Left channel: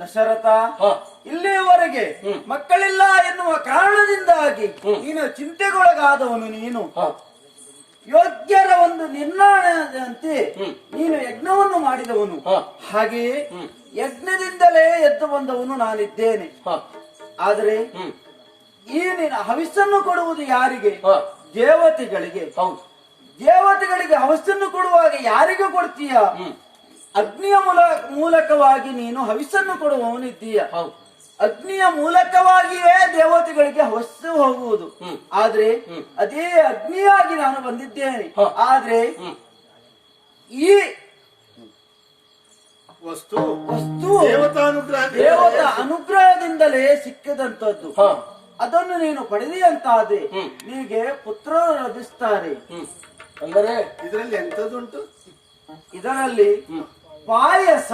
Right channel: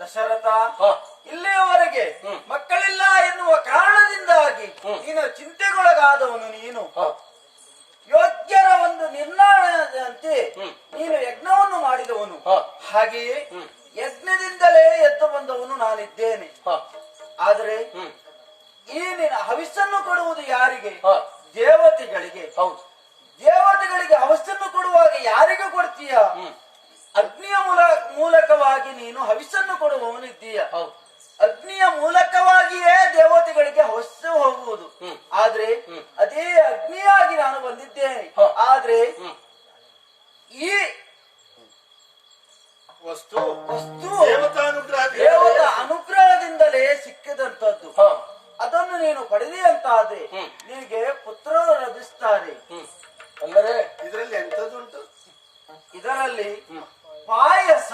ದಶರಥ, ಇಲ್ಲಿಯವರೆಗೆ ಮಕ್ಕಳಿಲ್ಲ ಎನ್ನುವ ಕಾರಣದಿಂದಾಗಿ ನೀನು ಚಿಂತೆಗೊಳಗಾದವನು. ನೀನು ಯೋಗ್ಯರ ಒಂದು ನಿರ್ಣಯದಂತೆ ನೀನು ಯಜ್ಞವನ್ನು ಮಾಡಿದವನು. ಹಾಗೆಯೇ ಯಜ್ಞದಿಂದಲೇ ಎದ್ದು ಬಂದವನು ನಾನಿದ್ದೇನೆ. ಆದರೆ ಈ ನಿನ್ನ ಹವಿಸ್ಸನ್ನು ಕೊಡುವುದು ಯಾರಿಗೆ? ದೇವತೆಗಳಿಗೆ. ದೇವತೆಗಳಿಗೆ ಹವಿಸ್ಸನ್ನು ಕೊಡುವಾಗ ಯಾರಿಗೂ ಕೊಡ್ತೀಯ? ಅಗ್ನಿಯ ಮೂಲಕವಾಗಿ ನೀನು ಹವಿಸ್ಸನ್ನು ಕೊಡುವವನಿದ್ದೀಯ. ಅಗ್ನಿಯ ಮೂಲಕವಾಗಿಯೇ ದೇವತೆಗಳಿಗೆ ಹವಸ್ಸು ಹೋಗುವುದು. ಆದ್ರೆ ಅದೇ ಅಗ್ನಿಯಾಗಿ ನಾನು ಬಂದಿದ್ದೇನೆ. ಆದ್ರೆ ಈ ವಸ್ತು ದೇವತಾ ಅನುಗ್ರಹದಿಂದಲೇ ಸಿಕ್ಕಿದಂತದ್ದು. ಅದನ್ನು ನೀನು ಪಡೆದಿಯಂತಾದ್ರೆ ನಿನಗೆ ಪುತ್ರರು ಲಭಿಸ್ತಾರೆ. ಅಂದರೆ ಇದರಲ್ಲಿ ಎಂತದುಂಟು? ಇದರಲ್ಲಿ ಪಾಯಸ.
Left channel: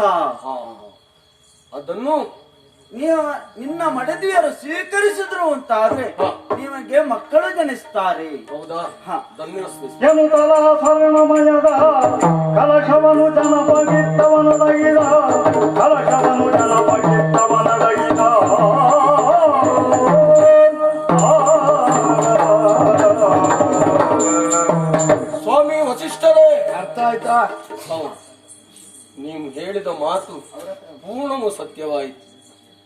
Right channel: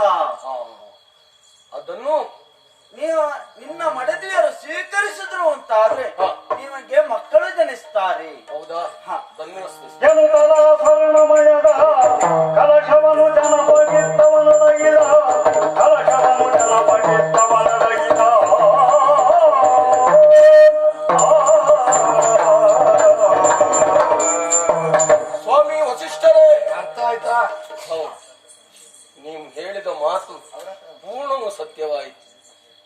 ಅದನ್ನು ನಿನ್ನ ಮಡದಿಯರು ಸ್ವೀಕರಿಸಿದ್ರು ಅಂತಾದ್ರೆ ನಿಮಗೆ ಮಕ್ಕಳು ಜನಿಸ್ತಾರೆ. ಹೌದಾ? ಸ್ವರ್ಣಮಯದ ಕಲಶವನು ಜನಪಗಿತ್ತವನೊಳಗಿದ ಕಲಶವನು ಜನಪಗಿತ್ತವನೊಳಗಿದ ಸ್ವಾಮಿ ವಸಿಷ್ಠರೇ, ಅರ್ಥ ಆಯ್ತಾ? ನೀವು ಹೇಳಿದ ಮಾತು ಪೂರ್ಣವೂ ಸತ್ಯವಾಯಿತು.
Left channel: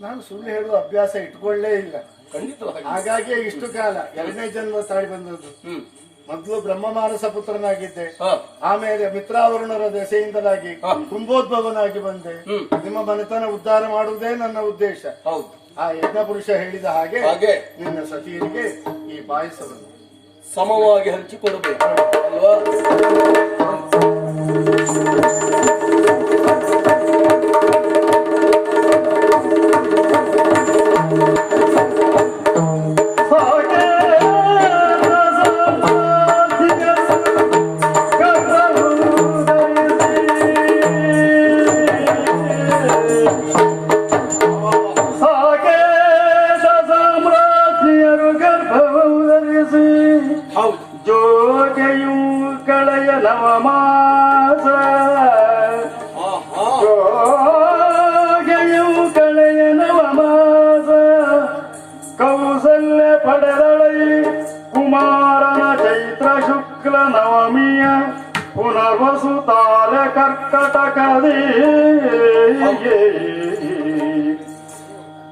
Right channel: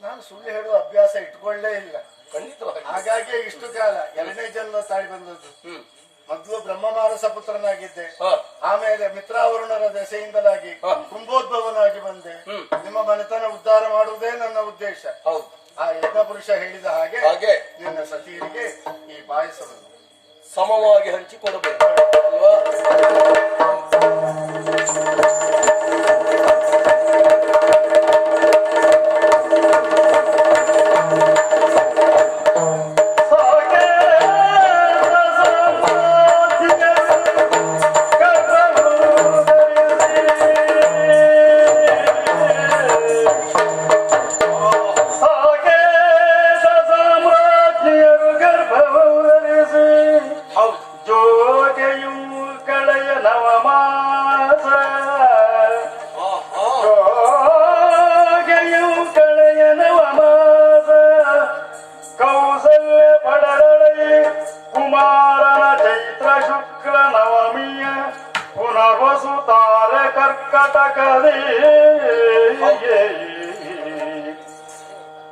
ನಾನು ಸುಳ್ಳು ಹೇಳುವ ಅಭ್ಯಾಸ ಇಟ್ಕೊಳ್ಳೇ ಇಲ್ಲ. ಖಂಡಿತವಾಗಿ. ಹಾಗಾಗಿ ಇಷ್ಟು ಕಾಲ 2ನೇ ಜನ್ಮ ತಾಳಿ ಬಂದದ್ದು. ಮೊದಲು ಬ್ರಹ್ಮಮಾನಸ ಪುತ್ರನಾಗಿದ್ದೆ, ಆಮೇಲೆ ಮಿತ್ರಾವರುಣರ ದೆಸೆಯಿಂದಲಾಗಿ ಕುಂಭೋದ್ಭವನಾಗಿ ಬಂದೆ. ನಿಮ್ಮ ಮನೆತನ ಉದ್ಧಾರ ಮಾಡುವುದೇ ನನ್ನ ಉದ್ದೇಶ. ಆ ಯಜ್ಞ ಪುರುಷ ಹೇಳಿದ ಹಾಗೆ ನಿನ್ನ ಸತಿಯರಿಗೆ ಈ ಪಾಯಸವನ್ನು ಸಮವಾಗಿ ಹಂಚಿಕೊಡಬೇಕು ಅಲ್ವಾ?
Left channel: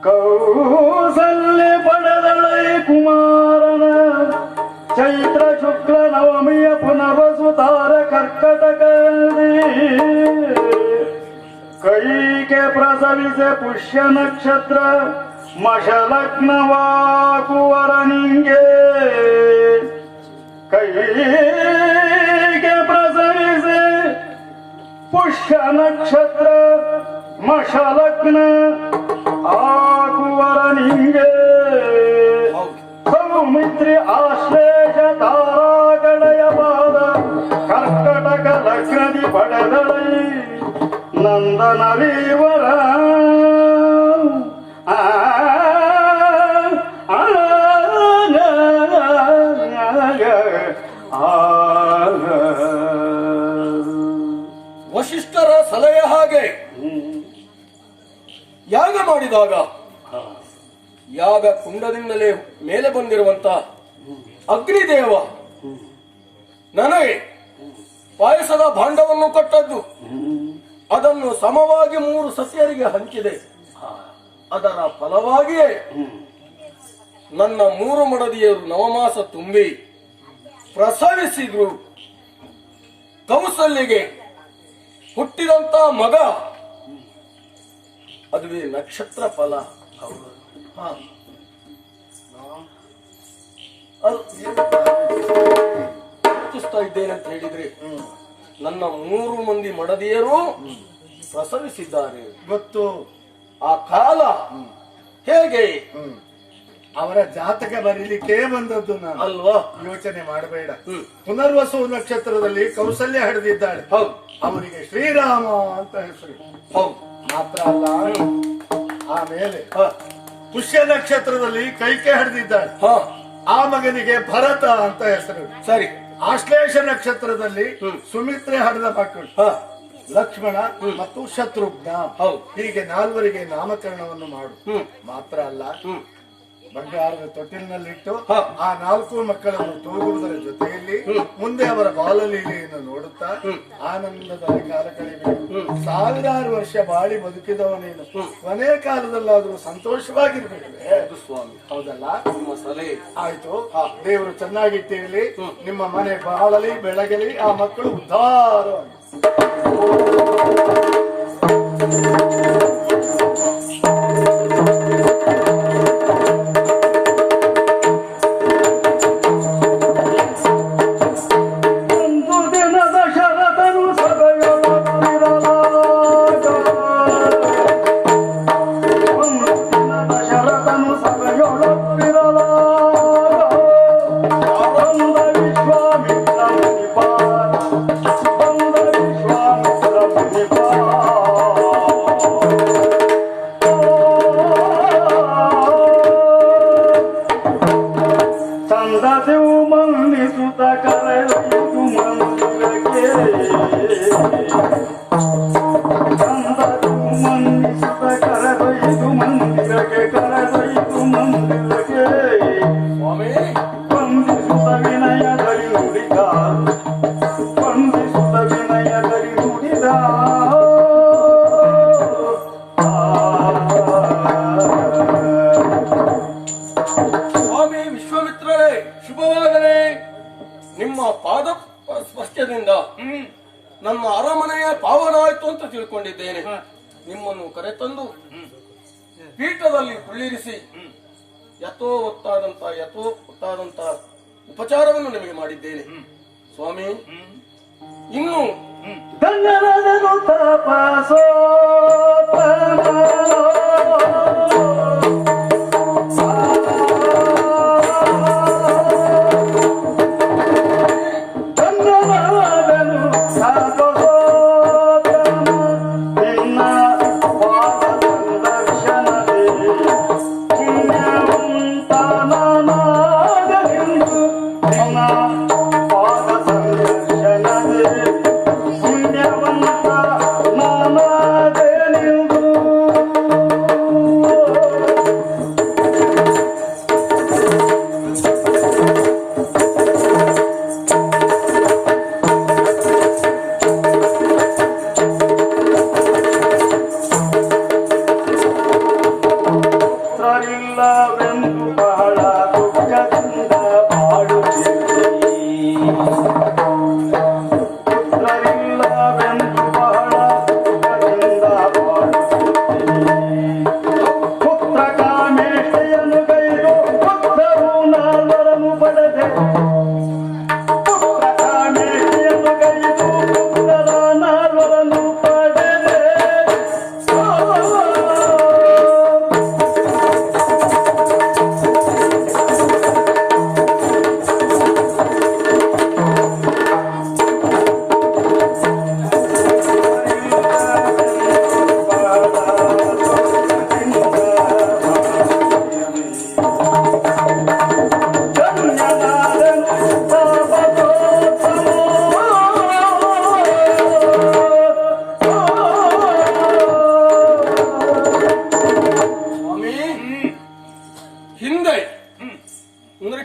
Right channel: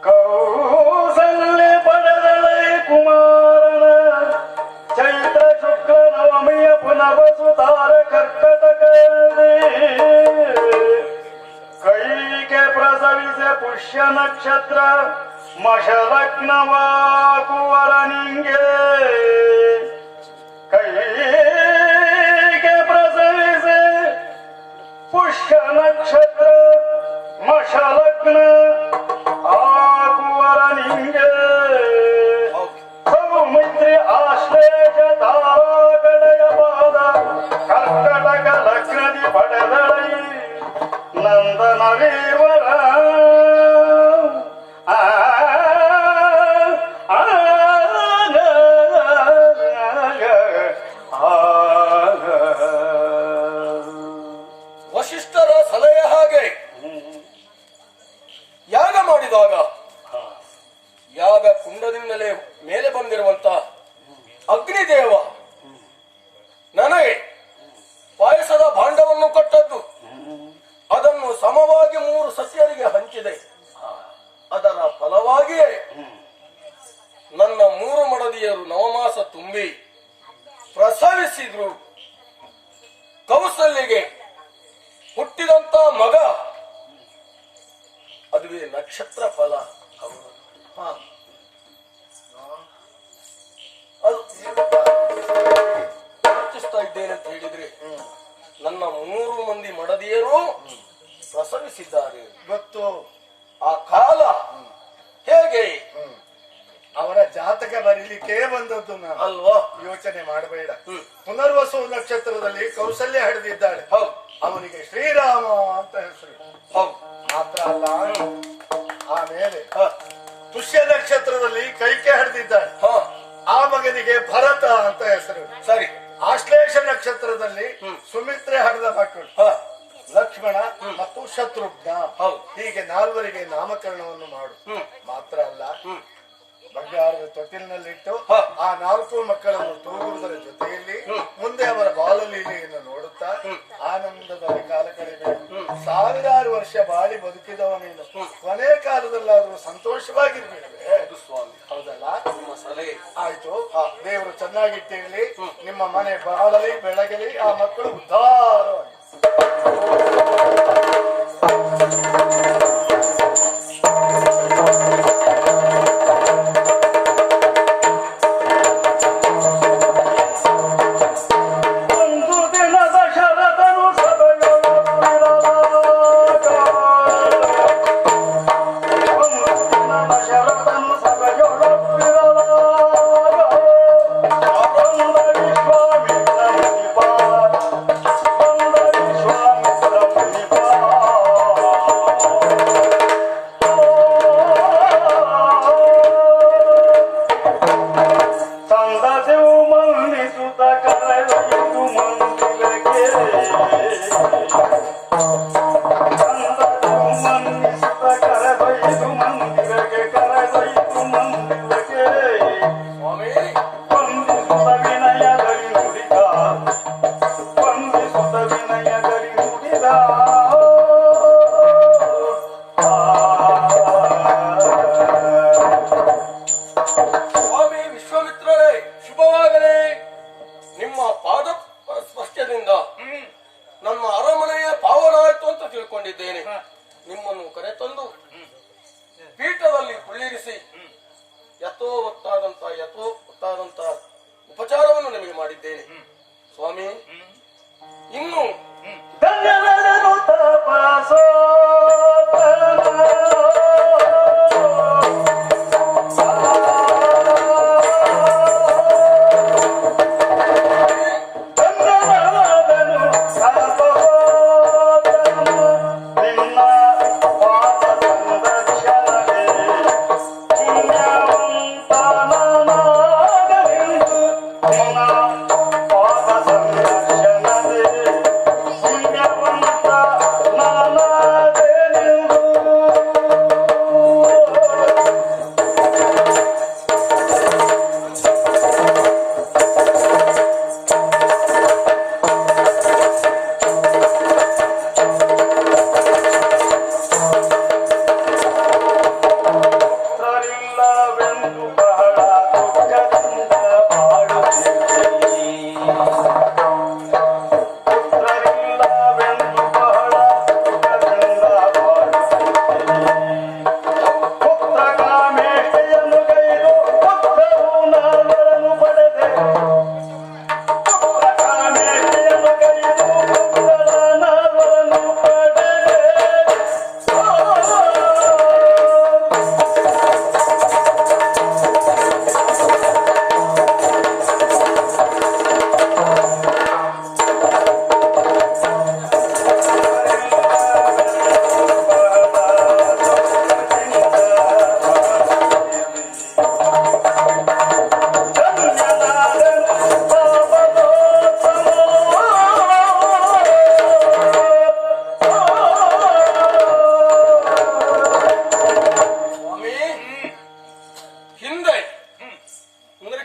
ಕೌಸಲ್ಯ ಪಡೆದಳೈ ಕುಮಾರನ ಚೈತ್ರ ಶುಕ್ಲ ನವಮಿಯ ಪುನರ್ವಸುತಾರ ಕರ್ಕಟಕದಲ್ಲಿ ಕೈಗೆ ಪ್ರಸವಿಸೆ ಪುಷ್ಯ ನಕ್ಷತ್ರ ಮಶಲಗ್ನವಾಗುವರನಿಂಗೆ ಕೈಗೆ ಪ್ರಸವಿಸೆ ಪುಷ್ಯ ನಕ್ಷತ್ರ ಮಶಲಗ್ನ ಆಗುವರನಿಂಗೆ ಸೌಮಿತ್ರಿ ಆಶ್ಲೇಷ ತಾರಾಗಳೆಯ ಪಾದ ಕರ್ಕಟಕ ಲಗ್ನದಿ ಪಡೆದಳೈ ನಂದನವೀವರ ವಶಿಷ್ಠರ ಸಲಹೆ ಹಾಗೆ ಯಾಗ ಮಾಡಿದಾಗ ಯಾಗ ಕುಂಡದಿಂದಲೇ ಮೇಲೆ ಬಂದಿರುವಂತ ಅಗ್ನಿದೇವ ನನಗೆ ಪಾಯಸದ ಭಾಂಡವನ್ನು ಕೊಟ್ಟದ್ದು. ಅದನ್ನು ಸಮವಾಗಿ 3 ಸಸ್ಯರಿಗೆ ಹಂಚಿದೆ. ಅದರ ಫಲವಾಗಿಯೇ ನನ್ನ 3 ಮಡದಿಯರು ನವಮಾಸ ತುಂಬಿ ಪ್ರಸವಿಸಿದ್ರು. ಕೌಸಲ್ಯಗೆ ಹುಟ್ಟಿದಂತ ಮಗ ಅದುವೇ ನಕ್ಷತ್ರ ಫಲ. ಯೋಚಿಸ್ತಾ ಇದ್ದೇನೆ ಅಂತ ಹೇಳಿದ್ರೆ ನನ್ನ 3 ಮಂದಿ ಮಡದಿಯರು ಪ್ರಸವಿಸಿದ್ದಾರೆ. ಗೊತ್ತು. ಆ ಕಾಲ ಹೇಗೆ ಅವರ ಜಾತಕ ಬರೀಲಿಕ್ಕೆ ಬಂದದ್ದು ನಾನು ಅಲ್ವಾ? ಯೋಚನೆ ಮಾಡಬೇಡ. ಪುನರ್ವಸು ನಕ್ಷತ್ರದಲ್ಲಿ ಕೌಸಲ್ಯ ಹಿಡಿದಿದ್ದಾಳೆ. ಅವನಿಗೆ ಶ್ರೀರಾಮ ಅಂತ ಹೆಸರು. ಮಾತ್ರ ಅಲ್ಲ, ಆಮೇಲೆ ಪುಷ್ಯ ನಕ್ಷತ್ರದಲ್ಲಿ ಕೈಕೆ ಹಿಡಿದಿದ್ದಾಳೆ. ಆ ಮಗನಿಗೆ ಭರತ ಅಂತ ಹೆಸರು. ಸರಿ. ಆಶ್ಲೇಷ ನಕ್ಷತ್ರದಲ್ಲಿ ಸುಮಿತ್ರೆ ಹಡೆದ ಮಕ್ಕಳು. ಲಕ್ಷ್ಮಣ ಮತ್ತು ಶತ್ರುಘ್ನ ಹೌದು. ಹೀಗೆ ನಾಲ್ವರಿಗೆ ನಾಮಕರಣವನ್ನು ಮಾಡು. ಹ್ಮ್. ಮಾತ್ರ ಅಲ್ಲ, ಬಂಗಾರದ ತೊಟ್ಟಿಲಿನಲ್ಲಿಟ್ಟು ಹ. ಆ 4 ಮಕ್ಕಳನ್ನು ತೂಗುವುದರ ಜೊತೆಯಲ್ಲಿ ಮುಂದೆ ಅವರ ಬಾಲಲೀಲೆಯನ್ನು ನೋಡುತ್ತಾ ಆನಂದದಲ್ಲಿ ಕಾಲ ಕಳೆಯಬೇಕು. 1000 ವರ್ಷ ಬಾಳಿ ಬದುಕಿದವ ನೀನು ಕೊನೆ ಕಾಲದಲ್ಲಾದ್ರೂ ಸಂತೋಷವಾಗಿರ್ಬೇಕೇ. ಅದು ಸ್ವಾಮಿ, ಹೌದಲ್ಲ? ನಿಮ್ಮ ಸಲಹೆ ಆಯ್ತು. ದೇವರು ಚೆನ್ನಾಗಿಟ್ಟಿರಲಿ, ನಿಮ್ಮ ಮನೆ ಬಾಳಲಿ ಬೆಳಗಲಿ, ಆ ಮಕ್ಕಳು ಉದ್ಧಾರವಾಗಿ. ಸ್ವಾಮಿ ವಿಶ್ವಾಮಿತ್ರರೇ, ಶುಭವಾಗಲಿ. ನಿಮ್ಮ ಪಾದ ಸ್ಪರ್ಶದಿಂದ ನಮ್ಮ ಅರಮನೆಯ ಪಾವನ ಆಯ್ತು ಅಂತ ತಿಳ್ಕೊಂಡಿದ್ದೇನೆ. ನಿಮ್ಮನ್ನು ಕರೆತಂದು ಪೀಠದಲ್ಲಿ ಕುಳ್ಳಿರಿಸಿ ಯಥೋವತ್ತಾದಂತ ಉಪಚಾರವನ್ನು ನಿಮಗೆ ಮಾಡಿದ್ದೇನೆ. ಸ್ವಾಮಿ, ಇನ್ನು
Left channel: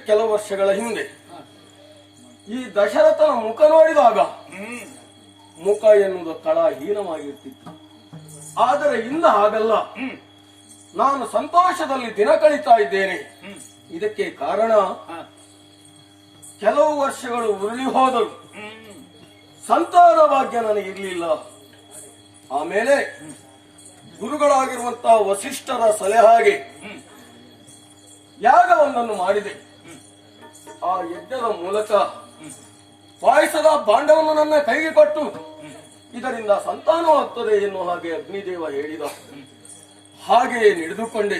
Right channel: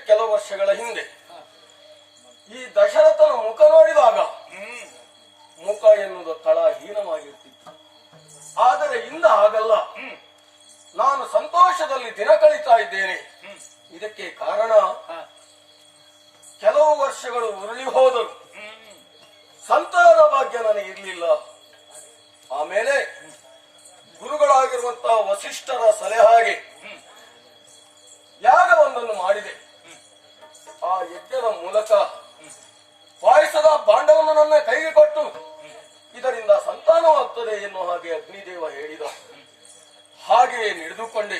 ಕೆಲವು ವರ್ಷಗಳ ಹಿಂದೆ ಈ ದಶರಥನ ಮುಖ ನೋಡಿದಾಗ ಮುಖ ಎನ್ನುವುದು ಕಳಹೀನವಾಗಿರ್ತಿತ್ತು. ಆದರೆ ಇಂದ ಹಾಗಲ್ಲ. ನಾನು ಸಂತೋಷದಲ್ಲಿ ದಿನ ಕಳೀತಾ ಇದ್ದೇನೆ. ಇದಕ್ಕೆ ಕಾರಣ ಕೆಲವು ವರ್ಷಗಳು ಉರುಳಿ ಹೋದರು, ಸಂತಾನ ಭಾಗ್ಯ ನನಗಿರ್ಲಿಲ್ಲ. ಆಮೇಲೆ ಗುರುಗಳಾಗಿರುವಂತಹ ವಸಿಷ್ಠರ ಸಲಹೆಗೆ ಯಾಗವೊಂದನ್ನು ಮಾಡಿದೆ. ಆ ಯಜ್ಞದ ಮೂಲಕ ಪಾಯಸದ ಭಾಂಡವನ್ನು ನನ್ನ ಕೈಗೆ ಕೊಟ್ಟು ಇದರಿಂದ ಸಂತಾನವಾಗ್ತದೆ ಎನ್ನುವ ಹಾಗೆ ಅಗ್ನಿದೇವ ಹೇಳಿದ. ಹಾಗೆಯೇ ನಡೆದುಕೊಂಡೆ.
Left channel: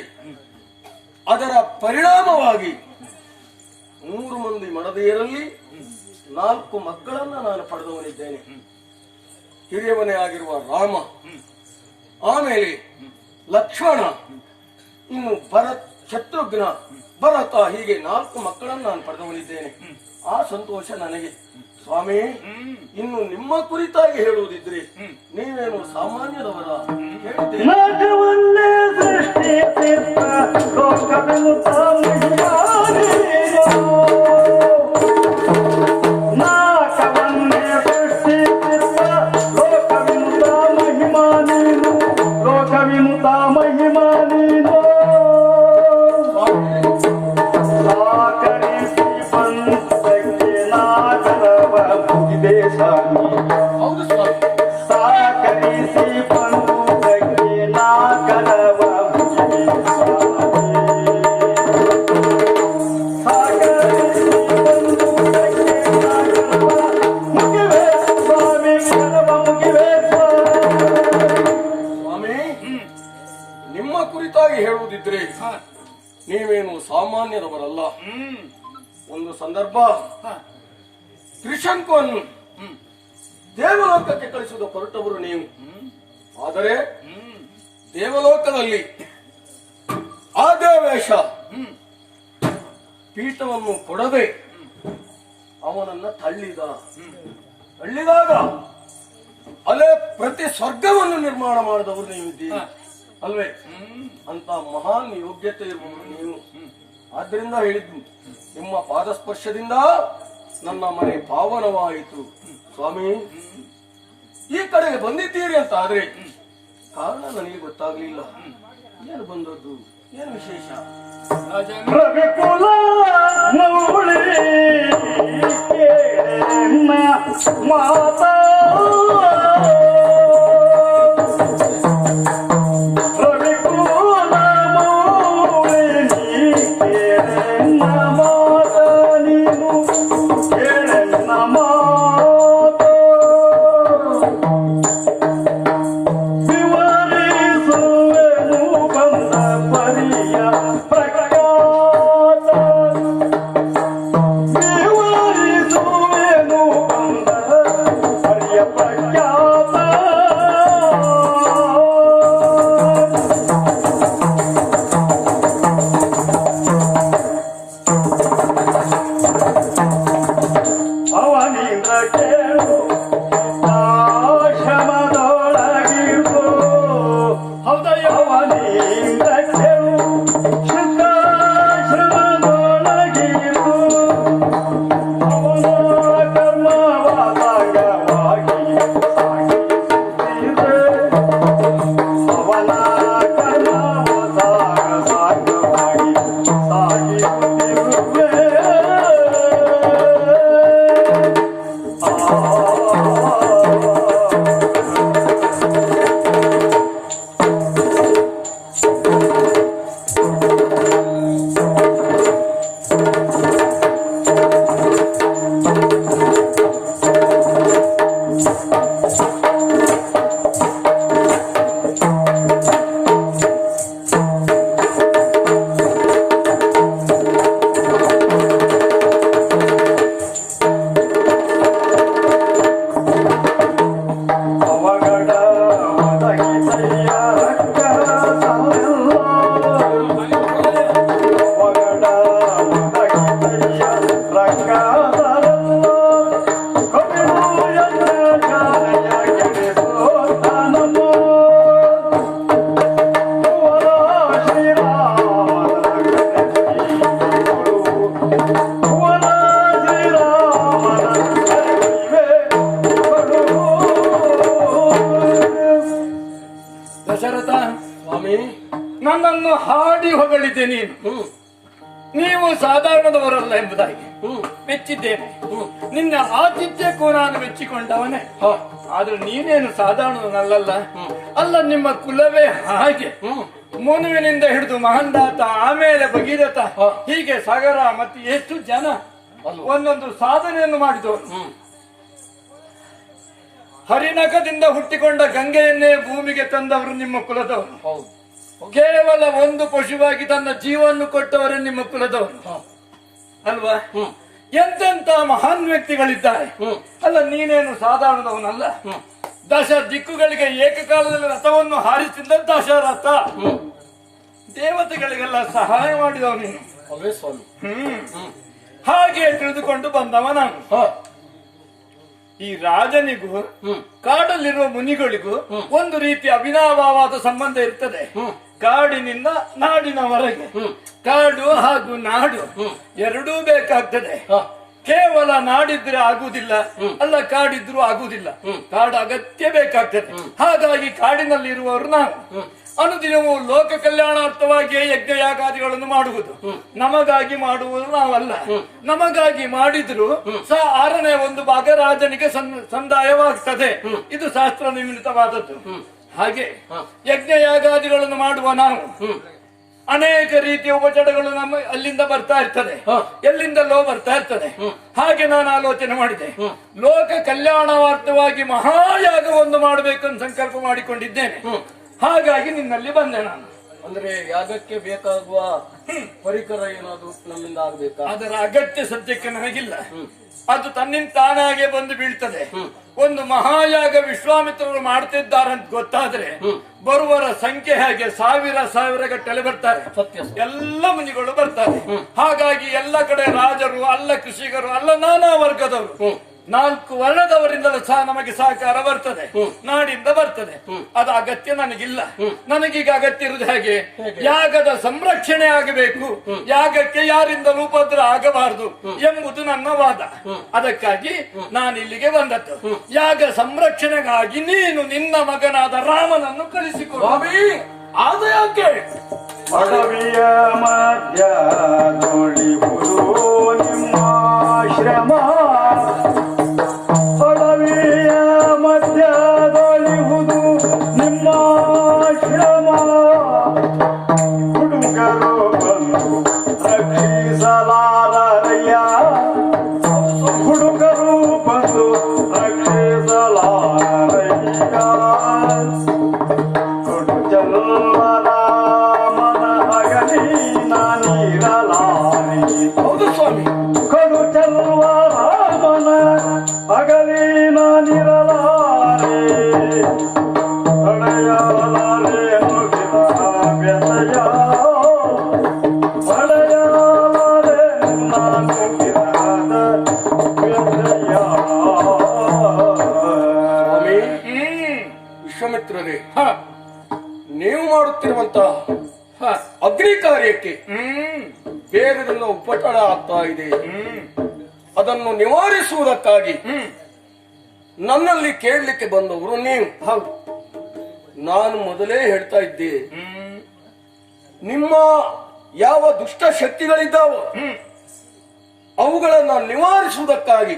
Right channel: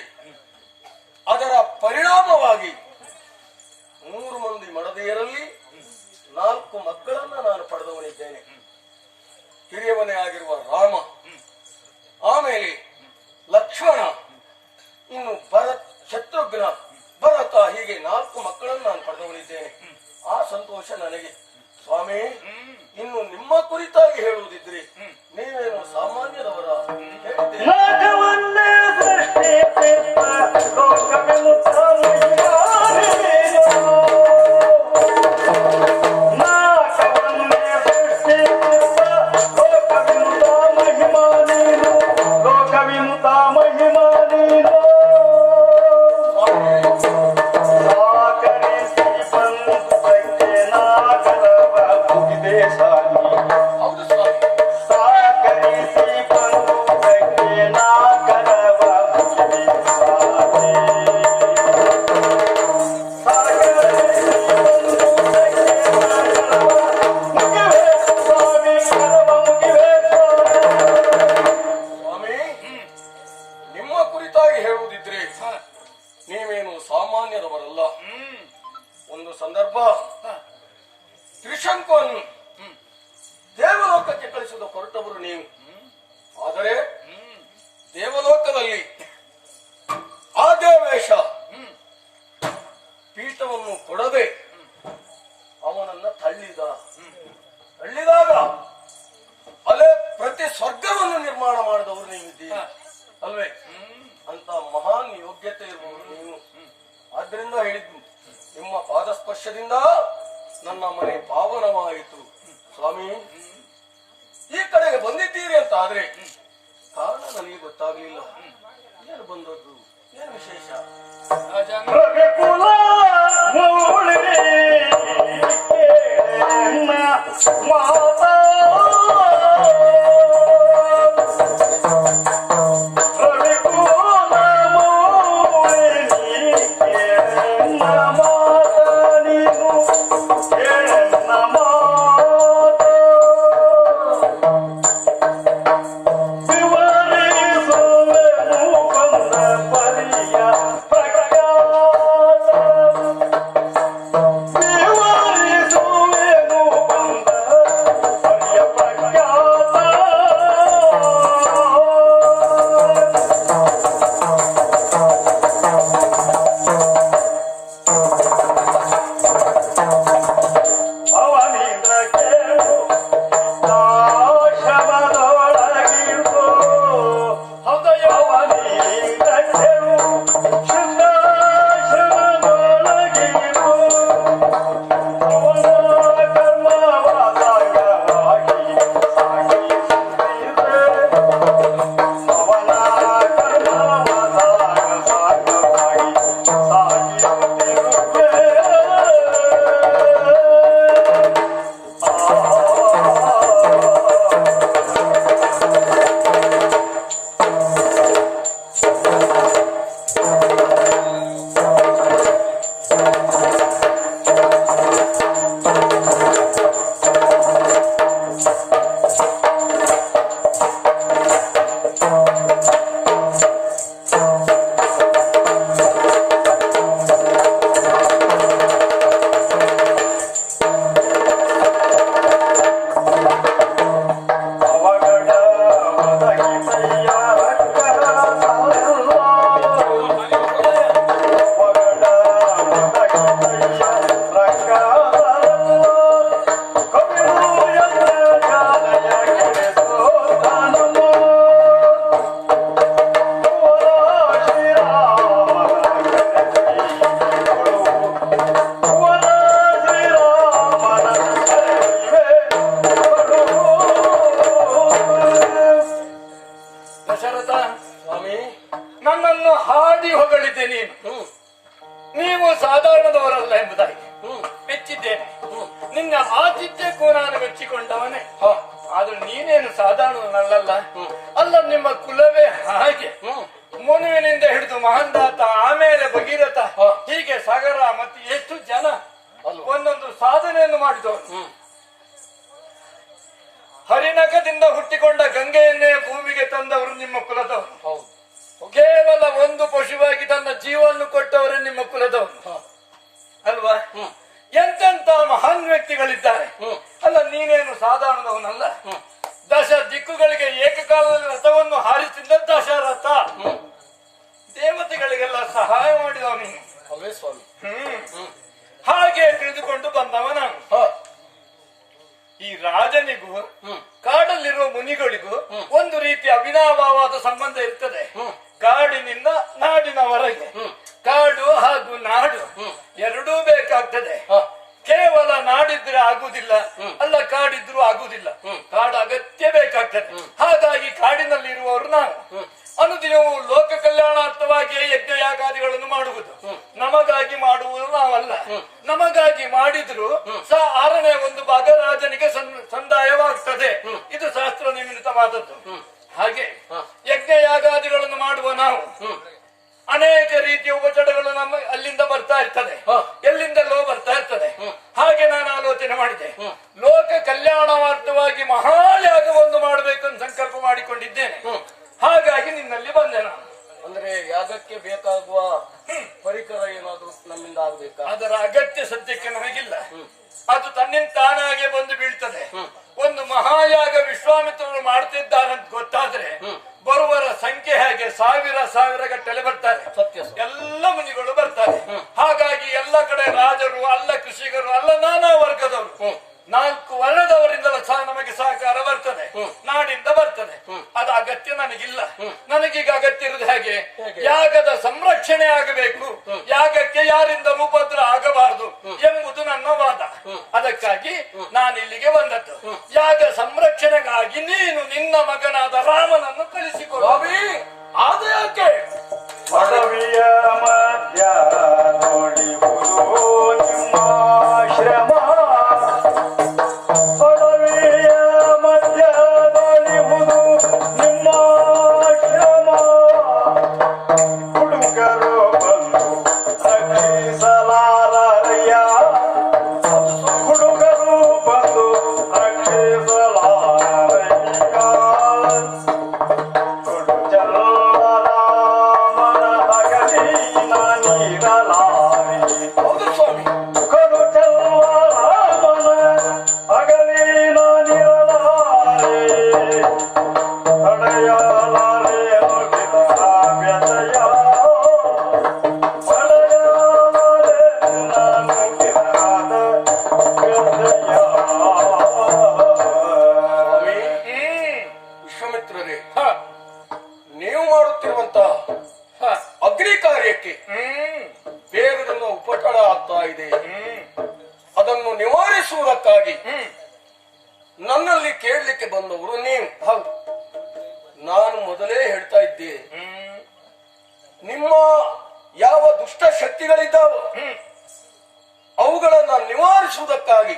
ಅದರ ಪರಿಣಾಮವಾಗಿ 3 ಮಂದಿ ಮಡದಿಯರಲ್ಲಿ 4 ಮಕ್ಕಳನ್ನು ನಾನು ಪಡೆದವನಿದ್ದೇನೆ. ಹಿರಿಯವನೇ ಆಗಿರುವ ರಾಮ, ಆಮೇಲೆ ಲಕ್ಷ್ಮಣ, ಇನ್ನು ಶತ್ರುಘ್ನ, ಭರತ, ಹೀಗೆ 4 ಮಕ್ಕಳನ್ನು ನಾನು ಪಡೆದವನಿದ್ದೇನೆ. ಆ ಸಂತೋಷ ನನಗೆ. ಸ್ವಾಮಿ ಇನ್ನು ನಿಮ್ಮ ಕುರಿತಾಗಿ ಹೇಳುವುದಿದ್ರೆ ನೀವೇನು ಸಾಮಾನ್ಯದವರ ಹೇಳಿದ್ದೆ ನಾಗವನ್ನೇ ಸೃಷ್ಟಿಸಿದ್ದ ಲೋಕವಿಮುಕ್ತ ಮಹಿಮಾನಿಯೋ. ನಾಗವನ್ನೇ ಸೃಷ್ಟಿಸಿದ್ದ ಲೋಕವಿಮುಕ್ತ ಮಹಿಮಾನಿಯೋ. ಲೋಕವಿಮುಕ್ತ ಮಹಿಮಾನಿಯೋ. ಸಾಕರಿಸಿ ಬಂದಕ್ಕೆ ನಾಗರವ ಮುಗಿದೆ ಸ್ವಾಮಿ. ಹೌದು ಸ್ವಾಮಿ. ಸಾಕರಿಸಿ ಬಂದಕ್ಕೆ ನಾಗರವ ಮುಗಿದೆ ಸ್ವಾಮಿ. ಸಾಕರಿಸಿ ಬಂದಕ್ಕೆ ನಾಗರವ ಮುಗಿವೆ ಸ್ವಾಮಿ. ಕರವ ಮುಗಿವೆ ಸ್ವಾಮಿ ನಿಮ್ಮ ಕುರಿತಾಗಿ ಹೇಳುವುದಿದ್ರೆ ನೀವೇನು ಸಾಮಾನ್ಯದವರಲ್ಲ. ಒಂದು ಸಂದರ್ಭ ತ್ರಿಶಂಕುವನ್ನು ದೇವಲೋಕಕ್ಕೆ ಕಳಿಸಿದ ಹೊರಟವರು ನೀವು. ಆದರೆ ದೇವಲೋಕದಲ್ಲಿ ಆದೇವೇಶ ಪೀಠವನ್ನು ಕೊಡದೆ ಅವನನ್ನ ತಳ್ಳಿದಾಗ ಅಲ್ಲೇ ಪ್ರತಿ ಸ್ವರ್ಗವನ್ನು ನಿರ್ಮಾಣ ಮಾಡಿದವರು ನೀವಿದ್ದೀರಿ ಅಲ್ವೇ? ಅಂತ ಮಹಾನ್ ಯೋಗ್ಯತೆ ಇರುವುದು ನೀವು. ಆದ್ರಿಂದ ಹೇಳಿದ್ದು ನಿಮ್ಮ ಪಾದಸ್ಪರ್ಶದಿಂದ ನನ್ನ ಮನೆ ಪಾವನವಾಯಿತು. ಸ್ವಾಮಿ ಈ ಕಡೆಗೆ ಬಂದಿದ್ದೀರಿ ಅಂತ ಆದ್ರೆ ಕಾರಣ ನನಗೆ ಗೊತ್ತಾಗ್ಲಿಲ್ಲ. ಏನು ಬಂದದ್ದು, ಏನು ವಿಶೇಷ? ರವಿಕುಲ ಮೌಳಿ ಮಾತಾ ರವಿಕುಲ ಮೌಳಿ ಕೇಳನ್ನ ಮಾತ ನೀನು ಕೇಳನ್ನ ಮಾತ ವಿವರಿಸುವೆನು ಬಂದ ಪರಿಯ ಪ್ರಖ್ಯಾತ. ವಿವರಿಸುವೆನು ಬಂದ ಪರಿಯ ಪ್ರಖ್ಯಾತ. ಅವನಿಂದ ಕೇಳು ಆಶ್ರಮದೊಳಗಿರು. ಹೌದಯ್ಯ ಅವನಿಂದ ಕೇಳು ಸಿದ್ಧಾಶ್ರಮದೊಳಗಿರು. ಅವನ ಕರ್ಮವಾದಾಗ ಸಾಗಿಸುತ್ತಿದೆ. ಅವನ ಕರ್ಮವಾದಾಗ ಸಾಗಿಸುತ್ತಿರುವೆ. ಅವಗಡ ಒದಗಿಸಿಯ ರಕ್ಕಸಾರಲ್ಲ. ಅವಗಡ ಒದಗಿಸಿಯ ರಕ್ಕಸಾರಲ್ಲ. ಕಪಿಲು ಎನ್ನ ಜಾಲಯ ಕೆಡೆಸೋ ದಾನಮ್ಮ. ದಶರಥ, ಸ್ವಾಮಿ ನನ್ನನ್ನು ಹಾಡಿ ಹೊಗಳಿದ್ದೆ ನೀನು. ನೀವು ಸಾಧಾರಣದವರಲ್ಲ ಎಂಬುದಾಗಿ ಮೆಚ್ಚಿದ್ದೇನೆ. ನಿನ್ನ ಆತಿಥ್ಯಕ್ಕೂ ನಾನು ಮೆಚ್ಚಿಕೊಂಡವನೇ. ಆದ್ರೆ ನೀನೇನು ಸಾಧಾರಣನಲ್ಲ. ಅಲ್ಲ, ನಿಮ್ಮ ಕುಲವೇ ಹಾಗೆ. ಮುನುವಿನಿಂದ ಹಿಡಿದು ಮಹಂದಾತ, ಆಮೇಲೆ ಭಗೀರಥ, ಹೀಗೆ ಸಾಗರ ಮತ್ತೆ ಎಷ್ಟು ಜನ ಒಂದೊಂದು ಸಾಧನೆಯನ್ನು ಮಾಡಿದವರು. ಹರಿನಖದಿಂದ ಹುಟ್ಟಿಕೊಂಡ ಗಂಗೆಯನ್ನೇ ಭೂಮಿಗೆ ತಂದವರು ನಿಮ್ಮ ಕುಲದವರು. ಕೇವಲ ಒಂದು ಪಶುವಾಗಿ ತನ್ನ ಜೀವವನ್ನು ಕೊಟ್ಟವರೇ ನಿಮ್ಮ ಕುಲದವರು ಅಲ್ವಾ? ಎಂತೆಂತ ಮಹಾನ್ ವ್ಯಕ್ತಿಗಳಿದ್ದಾರೆ. ಅಲ್ಲ, ನೀನೇನು ಸಾಧಾರಣದವನಲ್ಲ. ದಶ ದಿಕ್ಕುಗಳಿಗೆ ಏಕಕಾಲದಲ್ಲಿ ರಥವನ್ನು ಹಾರಿಸಿದ್ದ ದಶರಥ. ದೇವತೆಗಳಿಗೆಲ್ಲ ಸಹಾಯ ಮಾಡಿದವ ನೀನು. ಅವೇ ಸ್ವಾಮಿ. ಹಾಗೆ ತಿಳಿದುಕೊಂಡು ಬಂದವ ನಾನು. ಈ ರಾಜನಿಗೂ ಕಾಡಲ್ಲಿರುವ ಮುನಿಗಳಿಗೂ ಒಂದು ರೀತಿಯ ಅವಿನಾಭಾವಾದ ಸಂಬಂಧ ಇರ್ತದೆ. ಕಾಡಿನಿಂದ ನಾಡಿನವರೆಗೆ ಕಾಡು ಹಾಗೂ ನಾಡು ಎರಡೂ ಬೇಕಾಗ್ತದೆ. ಕೇವಲ ನಾಡಿದ್ರೆ ಆಗುದಿಲ್ಲ, ಅಲ್ಲ ಕಾಡಿದ್ರೂ ಆಗುದಿಲ್ಲ. ಕಾಡು ಅಗತ್ಯ ಬೇಕಾಗ್ತದೆ. ಹಾಗಾಗಿ ಕಾಡಿನಲ್ಲಿ ಇರುವವರು ನಾವು ಅನುದಿನವೂ ಲೋಕ ಕಲ್ಯಾಣಾರ್ಥವಾಗಿಯೇ ಯಜ್ಞ ಯಾಗಾದಿಗಳನ್ನು ಮಾಡುವುದು. ನಮಗಾಗಿ ಮಾಡುವುದು ನಾವಲ್ಲ. ನಮಗಾಗಿ ಮಾಡಿದ್ರು ಸಹ 6ನೇ 1 ಭಾಗ ರಾಜನಿಗೆ ಸಂದಾಯವಾಗ್ತದೆ. ಇದು ಶಾಸ್ತ್ರ ನಿಮಿತ್ತವಾದದ್ದು. ಹಾಗೆ ಯಜ್ಞ ಯಾಗಾದಿಗಳನ್ನು ಮಾಡುವ ನಾವು ಅನೇಕ ರೀತಿಯ ಉಪಚರಗಳು ನಮ್ಮ ಅಲ್ಲಿಂದ ಬರ್ತಾ ಇರ್ತದೆ, ಎಲ್ಲಿಂದಲೋ ಬರ್ತಾ ಇರ್ತದೆ. ಹಾಗೆ ನಾನು ಆಲೋಚನೆ ಮಾಡಿದೆ, ಲೋಕ ಕಲ್ಯಾಣಾರ್ಥವಾಗಿ ಮಹಾಯಾಗವನ್ನು ಮಾಡಬೇಕು ಅಂತ ಸಂಕಲ್ಪ ಮಾಡಿಕೊಂಡಿದ್ದೇನೆ. ಹಾಗಾಗಿ ನಿನ್ನಲ್ಲಿ ಬಂದೆ ನಾನು. ಅಂದ್ರೆ ಯಾಗಕ್ಕೆ ಬೇಕಾಗುವ ಪರಿಕರ ಏನಾದ್ರು ನಮ್ಮಿಂದ ಆಗ್ಬೇಕಾ? ಅದರ ಅಗತ್ಯ ಸದ್ಯಕ್ಕೆ ನನಗಿಲ್ಲ. ಅದು ತನ್ನಿಂದ ತಾನಾಗೆ ಬಂದು ಬೀಳ್ತದೆ. ಒಂದು ಮಹಾಯಾಗ ವಿಶ್ವಾಮಿತ್ರರು ಮಾಡ್ತಿದ್ದಾರಂತ ಗೊತ್ತಾದ್ರೆ ಬರುವರ ಸಂಖ್ಯೆ ಹಾಗೆ ಸಾವಿರ ಗಟ್ಟಲೆ ಬರ್ತಾರೆ. ಎಲ್ಲ ಮುನಿಗಳು ಬರ್ತಾರೆ. ಹಾಗಾಗಿ ಎಲ್ಲ ಕಡೆ ರಾಜರು ಅಲ್ಲ, ಕೃಷಿಕರು ಅಲ್ಲ, ನಾನಾ ವರ್ಗದವರು, 4 ವರ್ಣದವರಿಂದಲೂ ಸಹ ನಮಗೆ ಸಹಕಾರ ಬರ್ತದೆ, ನಾಡಿಂದ ಬರ್ತದೆ. ಅದು ಅಗತ್ಯ ನನಗಿಲ್ಲ. ನನಗೀಗ ಅಗತ್ಯ ಇರುವುದು ಹಾಗೆ ಯಾಗದ ಸಂರಕ್ಷಣೆ ಆಗಬೇಕು, ಯಾಗಕ್ಕೆ ಯಾರಿಂದಲೂ ಉಪದ್ರ ಆಗಬಾರದು ಎಂಬುದು ನನ್ನ ವಾದ. ಅದಕ್ಕಾಗಿ ನಾನು ಇಲ್ಲಿಗೆ ಬಂದದ್ದು. ಯಾಗ ಸಂರಕ್ಷಣೆಗಾಗಿ ನೀನು ನಿನ್ನ ಮಗನಾದ ರಾಮನನ್ನು ಕಳಿಸಿಕೊಡು. ಆದ ಯಾಕೆ? ಅಡವಿಯ ಮಧ್ಯ ನೋಡಿಹುದು ನಿಮ್ಮ ಶ್ರಮ, ಅಡವಿಯ ಮಧ್ಯದೊಳಿಹುದು ನಿಮ್ಮ ಶ್ರಮ, ಹುಡುಗರು ಬಂದು ರಕ್ಷಿಸಲಾರಯ್ಯ, ಹುಡುಗರು ಬಂದು ರಕ್ಷಿಸಲಾರಯ್ಯ, ಕೊಡು ಜಲ್ವರ ಮನ ಅಗಲಿ ನಾನೀರಲಾರೆ. ಹೌದು ಸ್ವಾಮಿ, ಕೊಡು ಜಲ್ವರ ಮನ ಅಗಲಿ ನಾನಿರಲಾರೆ, ತಡೆಯಲಾರೆ ಮುಗಿದ ವ್ಯಥೆಯ, ಪಡೆಯಲಾರೆ ನಾನು ಕಿರಾದ ವ್ಯಥೆಯ. ಸ್ವಾಮಿ ವಿಶ್ವಾಮಿತ್ರರೇ, ನೀವು ಮಾಡುತ್ತಿರುವಂತಹ ಅಗ್ನಿ ಕಾರ್ಯಕ್ಕೆ ಬೇರೆಲ್ಲ ಉಪಟಳ ಆಗ್ತಾ ಇದೆ. ಅದನ್ನು ನಿವಾರಿಸುವುದಕ್ಕಾಗಿ ನನ್ನಲ್ಲಿ ಕೇಳಲಿಕ್ಕೆ ಬಂದವರು ನೀವು. ಹೌದು. ನಾನು ಮೊದಲೇ ಹೇಳ್ತಾ ಇದ್ದೆ, ನಿಮ್ಮ ಯಾವ ದುಷ್ಟ ಶಕ್ತಿಗಳಿದ್ದಾವೋ ಅವುಗಳನ್ನ ನಿವಾರಿಸುವುದಕ್ಕಾಗಿ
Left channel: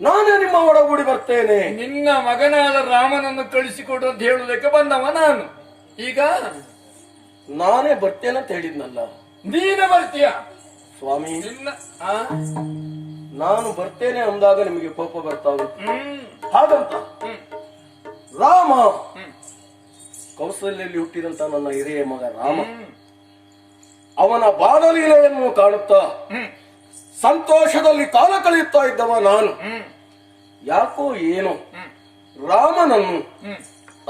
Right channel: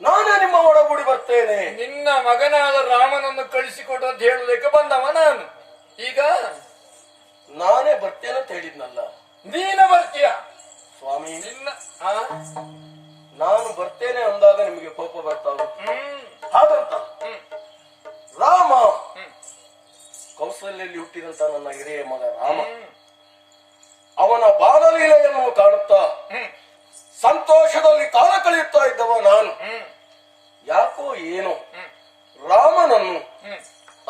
ನಾನೇ ನಿಮ್ಮ ಒಳಗೂಡಿ ಬರ್ತೇನೆ. ನಿನ್ನ ಮಗನಾದ ರಾಮನನ್ನು ಕಳಿಸಿಕೊಡು ಅಂತ ಹೇಳುವುದಕ್ಕೆ ಬಂದವ ನಾನು. ಈಗ ನಾನೇ ಬರ್ತೇನೆ ಅಂತ ಹೇಳಿದ್ನಲ್ಲ ನೀನ ಬರ್ತೀಯ ಸ್ವಾಮಿ. ನಿನ್ನ ನಾನು ಬರ್ತೇನೆ ಅಂದಾಗ ನಿಮಗೆ ಕೋಪ ಬರ್ತಾವೆ. ಹಾಗಂತ ರಾಮ ಕೌಸಲ್ಯಲ್ಲಿ ಹುಟ್ಟಿದಂತ ನನ್ನ ಹಿರಿಯ ಮಗ ರಾಮ, ಅವನ ಬಾಲಲೀಲೆಯನ್ನು ಕಾಣುತ್ತಾ ಸಂತೋಷದಲ್ಲಿ ಕಾಲ ಕಳೆಯುತ್ತಾ ಇದ್ದವ ನಾನು. ಯಾಕೋ ಏನೋ ರಾಮನನ್ನು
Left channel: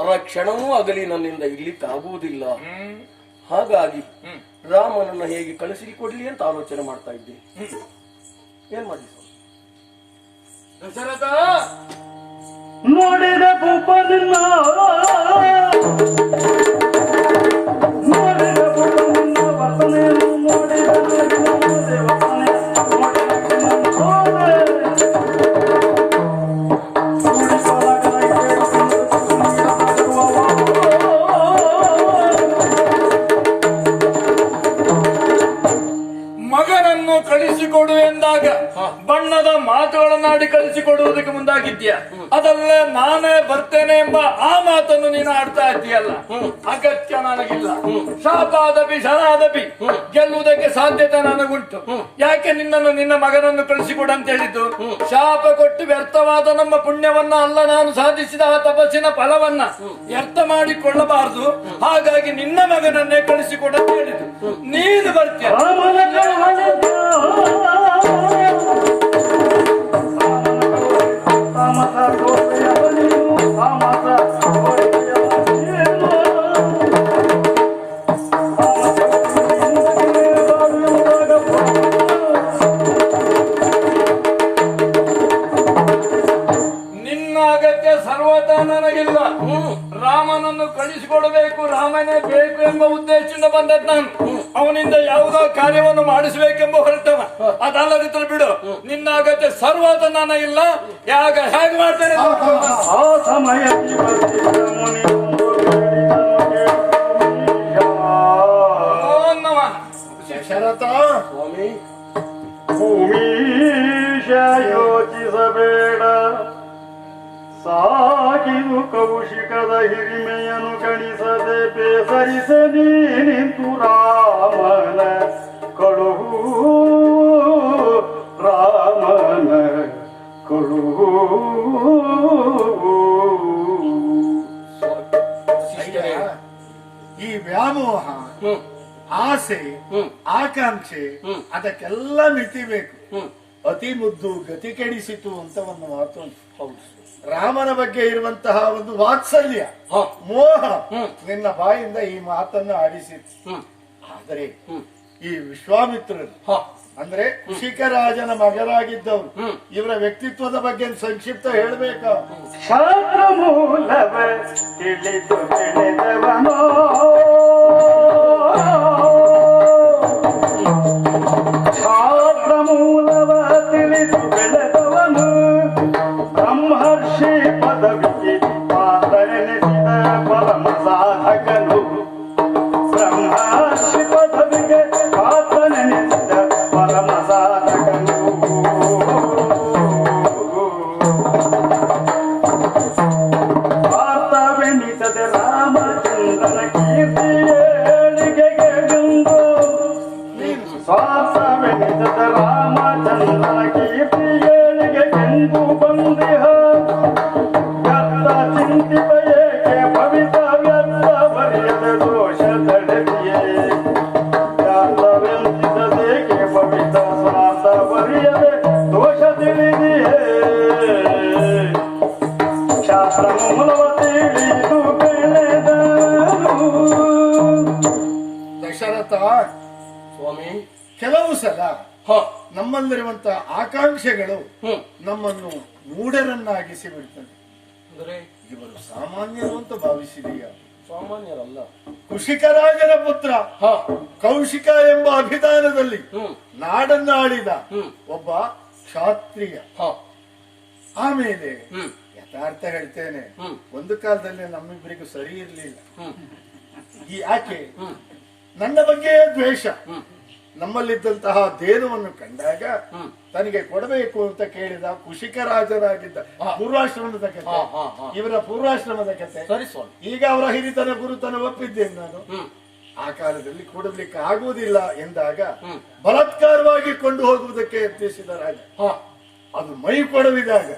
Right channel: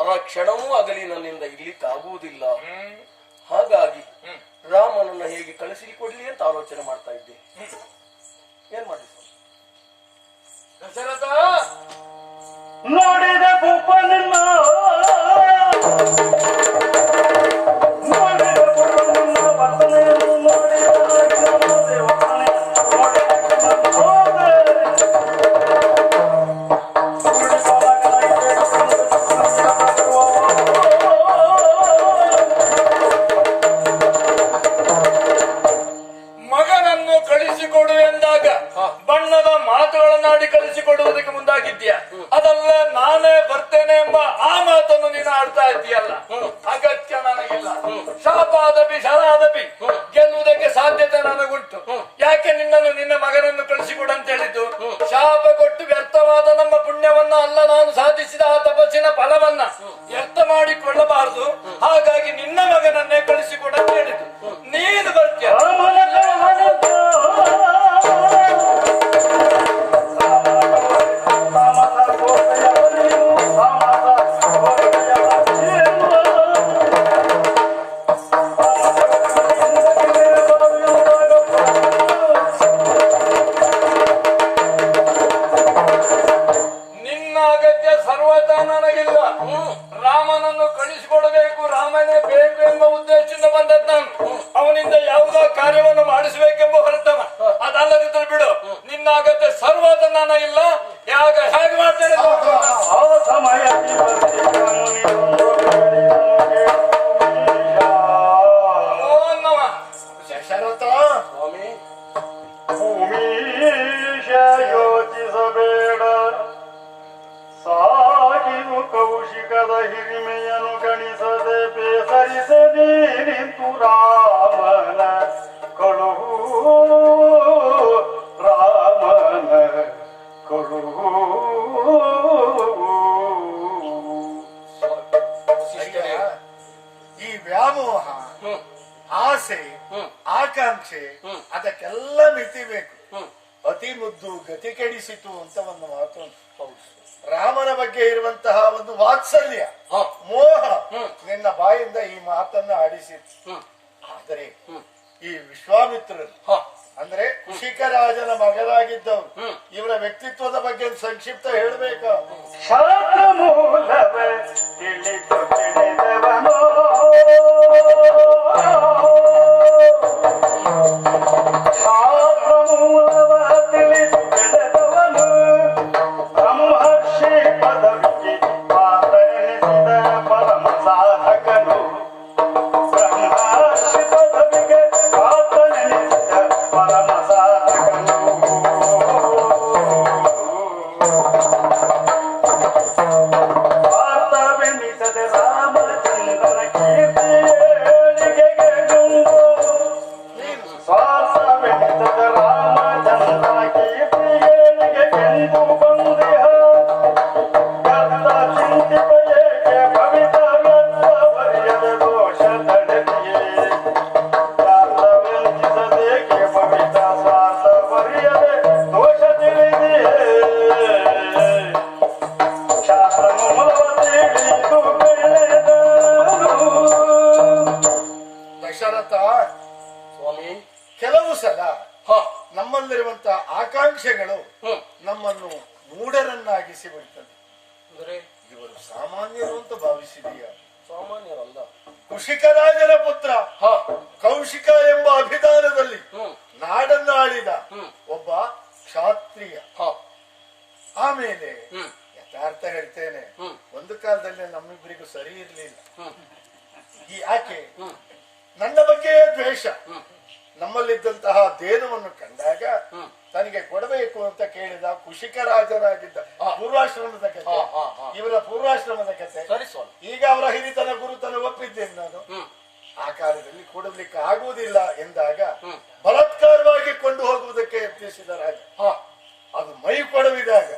ಆ ಕ್ಷಣವೂ ಆಗಲಿ ನನ್ನಿಂದ ಇರ್ಲಿಕ್ಕಾಗುವುದಿಲ್ಲ. ಹಾಗಾಗಿ ರಾಮನನ್ನ ಹೇಗೆ ಕಳಿಸಿಕೊಡ್ಲಿ ಅಂತ ಆಲೋಚನೆ ಮಾಡ್ತಾ ಇದ್ದೆ. ಏನ್ ಮಾಡಿ ದಶರಥ ನೋಡಿದ ಭೂಪನನ್ನ, ನೋಡಿದ ಭೂಪನನ್ನ ವರ್ತನೆಯನ್ನು ನೋಡಿದ ದೇವತಾನೆ, ಮಗನನ್ನು ಕಳಿಸಿಕೊಡು ಎಂದಾಗ ಬಣ್ಣದ ಮಾತುಗಳನ್ನಾಡಿ ಕಳಿಸಿಕೊಡುವುದಕ್ಕೆ ಮುಂದಾಗಿದ್ಯಾ? ಅದಲ್ಲ ನಾನೇ ಬರ್ತೇನೆ ಎಂಬ ಆ ಮಾತನ್ನು ನೀನು ಆಡ್ತಾ ಇದ್ದೀಯಲ್ಲ, ಅಗತ್ಯ ನನಗಿಲ್ಲ. ಶಾಪಾದಪಿ ಶರಾದಪಿ ಗೆಲ್ಲುವುದಕ್ಕೆ ಸಾಧ್ಯತೆ ನನಗುಂಟು. ಯಾಕೆ ನಿನ್ನನ್ನು ನಿನ್ನ ಮಗನನ್ನು ಕಳಿಸಿಕೊಡು ಅಂತ ಹೇಳಿದ್ದು? ಶಾಪ ಕೊಟ್ಟು ವ್ಯರ್ಥವಾದ ನಮ್ಮ ಪುಣ್ಯವನ್ನ ಅಲ್ಲ, ನಾನು ಸಾಧಿಸಿದ ಆ ತಪಸ್ಸಿನ ಫಲವನ್ನ ವ್ಯರ್ಥ ಮಾಡಿಕೊಳ್ಳಬಾರದು. ಹಾಗಾಗಿ ನಿನ್ನ ಮಗನನ್ನೇ ಕಳಿಸಿಕೊಡು ಅಂತ ಹೇಳಿದ್ದು. ನೀನು ಬರ್ತೀಯ. ಊರಿನಿಂದ ಬಂದದ್ ನಾನು ಅವನಿಂದ ಯಾವುದೋ ಕಾರ್ಯವನ್ನು ಮಾಡಿಸಬೇಕೆಂಬ ಹೊರಟವ. ಅದಲ್ಲದಿದ್ರೆ ಬಿಡು, ನಿನ್ನ ಅಗತ್ಯ ಸರ್ವಾದ ನಾನು ಇಲ್ಲ. ಹೇಗೆ ಮಾಡ್ತೇನೆ ಆ ಸಮಯ ದಶರಥ ಸ್ವಾಮಿ ಭೂಮೀಶ ಯೋಚಿಸಬೇಡ, ಸಾಗಿದು ಕೌಶಿಕದ ಹಿರಿಮೆಯನ್ನು ಗಣಿಸದೆ ಬೇಸರಿಸದಿ ನಿಂತು ರಾಮನ ಕಳುಹು, ರಾಮನ ಕಳುಹು. ಈ ವ್ಯಾಮೋಹ, ಆಸೆ, ಆಕಾಂಕ್ಷೆ ಅದಕ್ಕೆಲ್ಲ ಮಿತಿ ಬೇಕು. ಅತಿ ಮುದ್ದು ಗತಿ ಕೆಡಿಸಿತು ಅಂತ ಒಂದು ಮಾತು ಉಂಟು. ರಾಮನ ಬಗ್ಗೆ ಇರುವಂತಹ ಒಂದು ವಾತ್ಸಲ್ಯ, ಮೋಹ ನಿನ್ನ ಬಾಯಿಂದ ಈ ಮಾತನ್ನು ಆಡಿಸಿತು. ಆದರೆ ಈ ವಿಶ್ವಾಮಿತ್ರರು ಅಂದ್ರೆ ಕುಶಿಕರಾಜನ ಮಗರಾಗಿದ್ದವರು, ಇವರ ವ್ಯಕ್ತಿತ್ವದ ಬಗ್ಗೆ ಸಂಕ್ಷಿಪ್ತ ಹೇಳಬೇಕಾ? ಶಾಸ್ತ್ರ ಮೂಲವೇ ತಿಳಿದು ತಿಳಿದವನೋ, ಶಾಸ್ತ್ರ ಮೂಲವ ತಿಳಿದು ಬೆಳೆದವನು, ಬ್ರಹ್ಮರ್ಷಿ ಪದವಿಗೆ ಪಾತ್ರನೆನಿಸಿದ ಪರಮ ಸಾಧಕನು, ಬ್ರಹ್ಮರ್ಷಿ ಪದವಿಗೆ ಪಾತ್ರನೆನಿಸಿದ ಪರಮ ಸಾಧಕನು. ಪಾರ್ಥವೆನಿಸದೆ ರಾಮಚಂದ್ರನ ಕೀರ್ತಿಯೇಳಿಗೆಗೆ ಬಂದು, ಸ್ವಾರ್ಥವೆನಿಸದೆ ರಾಮಚಂದ್ರನ ಕೀರ್ತಿಯೇಳಿಗೆ ಎಂದು ಬಂದಿಹ, ವ್ಯರ್ಥ ಚಿಂತಿತ ಏಕೆ ಭವಿತ ವ್ಯರ್ಥ ಬರೆಯದೆ ದೋಷ ತಡೆದಿಯೇ, ವ್ಯರ್ಥವೆನಿಸದೇಕೆ ಭವಿತ ಸ್ವಾರ್ಥ ಬರೆಯದೆ ದೋಷ ತಿಳಿದಿಯೇ, ಶಾಸ್ತ್ರ ಮೂಲವ ತಿಳಿದು ಬೆಳೆದನು. ದಶರಥ, ಸ್ವಾಮಿ ಕೆಲವು ಸಲ ನಮ್ಮಲ್ಲಿರುವಂತಹ ಆಕಾಂಕ್ಷೆಗಳು ನಮ್ಮನ್ನು ಮೂಢರನ್ನಾಗಿಸಿ ಬಿಡ್ತದೆ. ಅಂದ್ರೆ ಇವರು ಸಾಮಾನ್ಯರು ಅಂತ ಭಾವಿಸಿದೀಯ? ಸಾಮಾನ್ಯರಲ್ಲ. ಕುಶಿಕರಾಜನ ಪುತ್ರ ಕೌಶಿಕ ಎಂಬ ಅಭಿಧಾನದಲ್ಲಿ ನಾಡನ್ನು ಆಳಿದ ಒಬ್ಬ ಕ್ಷಾತ್ರಿಯ. ಆಮೇಲೆ ಯಥಾರ್ಥ ಹೇಳ್ತೇನೆ, ಒಂದು ಕಾಲದಲ್ಲಿ ನಮ್ಮಿಬ್ಬರಿಗೂ ಸರಿ ಇರಲಿಲ್ಲ. ಈ ಆಕೆ ನನ್ನ ಬಗ್ಗೆ ದ್ವೇಷ, ನಮ್ಮಲ್ಲಿದ್ದಂತಹ ದೇನವನ್ನು ಕಂಡಾಗ ತನಗೆ ಕೊಡಬೇಕು ಅಂತ ಕೇಳಿದ ಕುಶಿಕರಾಜನಾಗಿದ್ದ ಪೂರ್ವಾಶ್ರಮದ ಕಥೆ, ಇವರ ಪೂರ್ವಾಶ್ರಮದ ಕಥೆ. ಸರಿ ಸ್ವಾಮಿ. ಈಗ ಅವರ ಹಿರಿತನ ಗುರುತನ ಒಪ್ಪಿದ್ದೇನೆ ನಾನು. ಆ ಕಾಲದಲ್ಲಿ ಕೊಡಲಿಕ್ಕೆ ಆಗುವುದಿಲ್ಲ ಎಂದಾಗ ಬಲಾತ್ಕಾರವಾಗಿ ಕೊಂಡು ಹೋಗುವುದಕ್ಕೆ ಯತ್ನಿಸಿದ ರಾಜ. ಅದು ಮೈ ಕೊಡವಿದಾಗ